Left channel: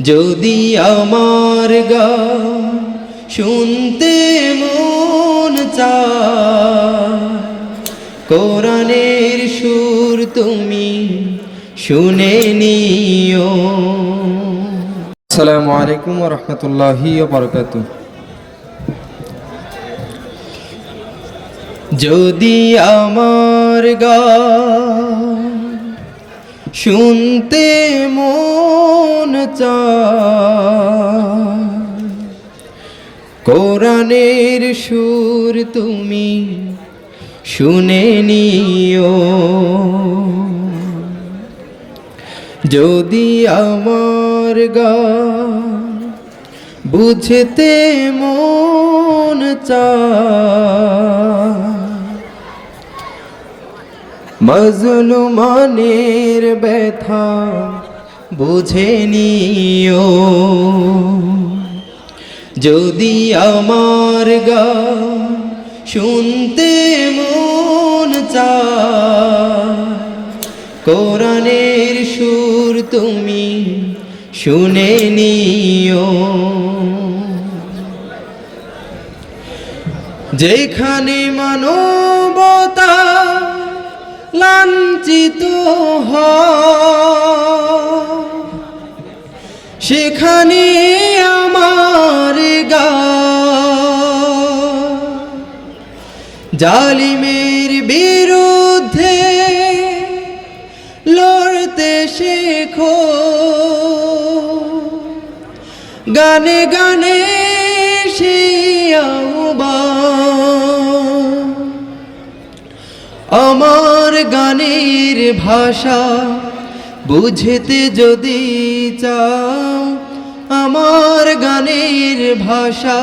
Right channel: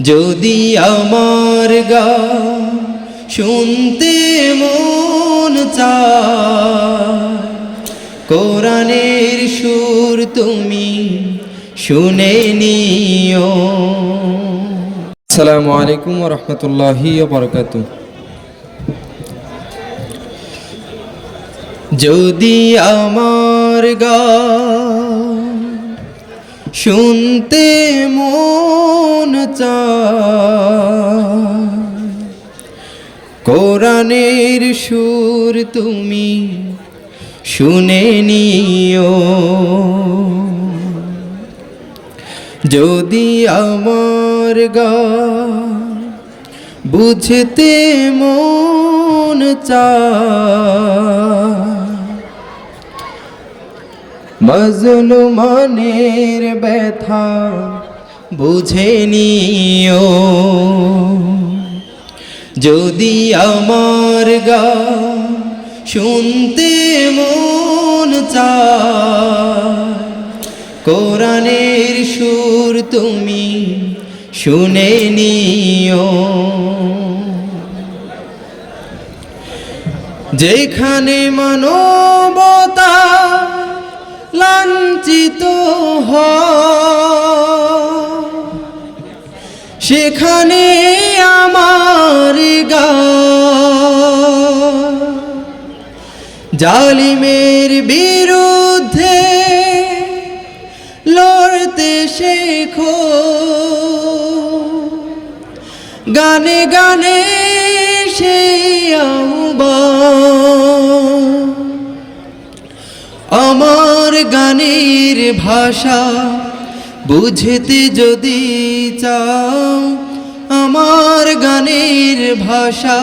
যদি আমার গান শুনতে মন চায়, কোরআনের সুর তুমি শুনে নিও। আসসালামু আলাইকুম ওয়া রাহমাতুল্লাহি ওয়া বারাকাতুহু। যদি আমার গান শুনতে মন চায়, কোরআনের সুর তুমি শুনে নিও। যদি আমার গান বুঝতে মন চায়, মজলুমানের ব্যথা বুঝে নিও। যদি আমার গান শুনতে মন চায়, কোরআনের সুর তুমি শুনে নিও। যেখানে মানবতা লাঞ্ছিত হয়, সেখানে আমার গান জালিমের বিরুদ্ধে লড়তে শেখো। গানে গানে সেই আহ্বান, আমার গানের ভাষা বুঝতে যদি চাও, আমার গানের ভাষা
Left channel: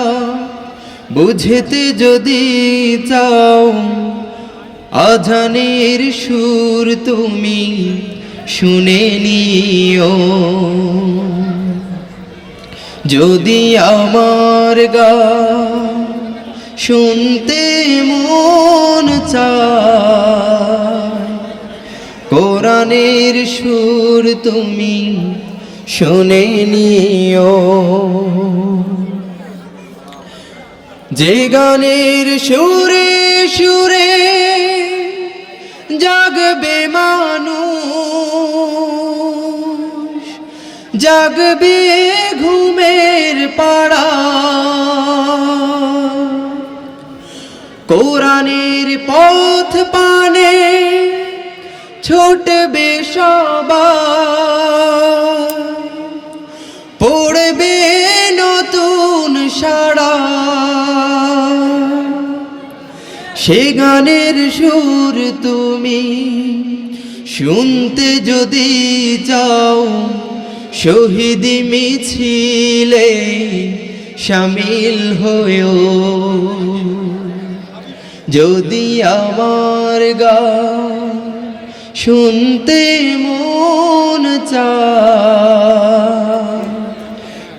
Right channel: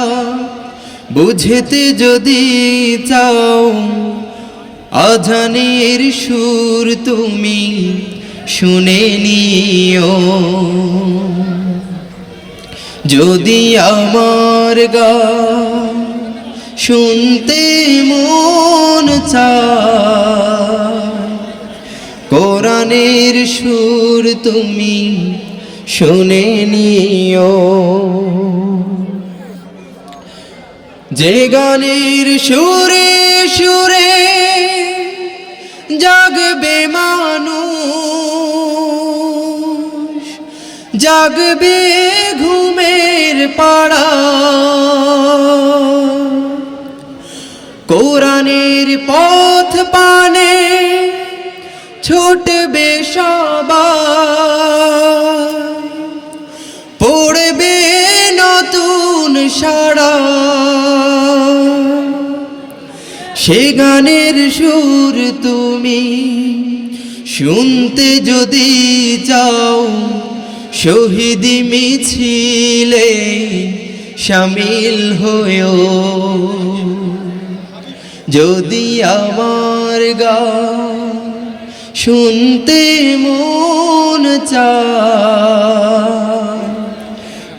বুঝতে যদি চাও, আজানের সুর তুমি শুনে নিও। যদি আমার গান শুনতে মন চায়, কোরআনের সুর তুমি শুনে নিও। যে গানের সুরে সুরে জাগবে মানুষ, জাগবে ঘুমের পাড়া, কোরআনের পথ পানে ছুটবে সবাই, পড়বে নতুন সাড়া। সে গানের সুর তুমি শুনতে যদি চাও, শহীদ মিছিলে শামিল হয়েও। যদি আমার গান শুনতে মন চায়,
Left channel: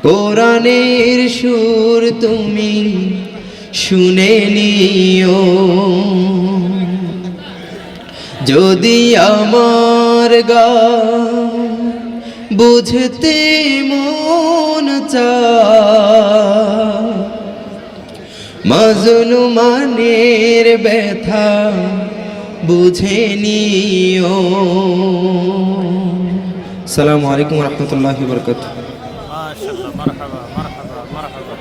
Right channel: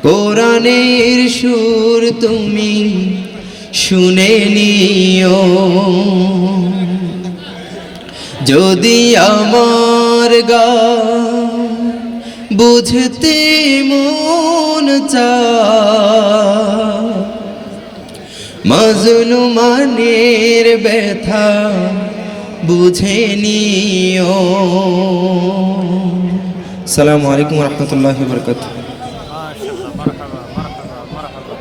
কোরআনের সুর তুমি শুনে নিও। যদি আমার গান বুঝতে মন চায়, মজলুমানের ব্যথা বুঝে নিও। আসসালামু আলাইকুম ওয়া রাহমাতুল্লাহি ওয়া বারাকাতুহু। মাশাআল্লাহ, মারহাবা মারহাবা মারহাবা।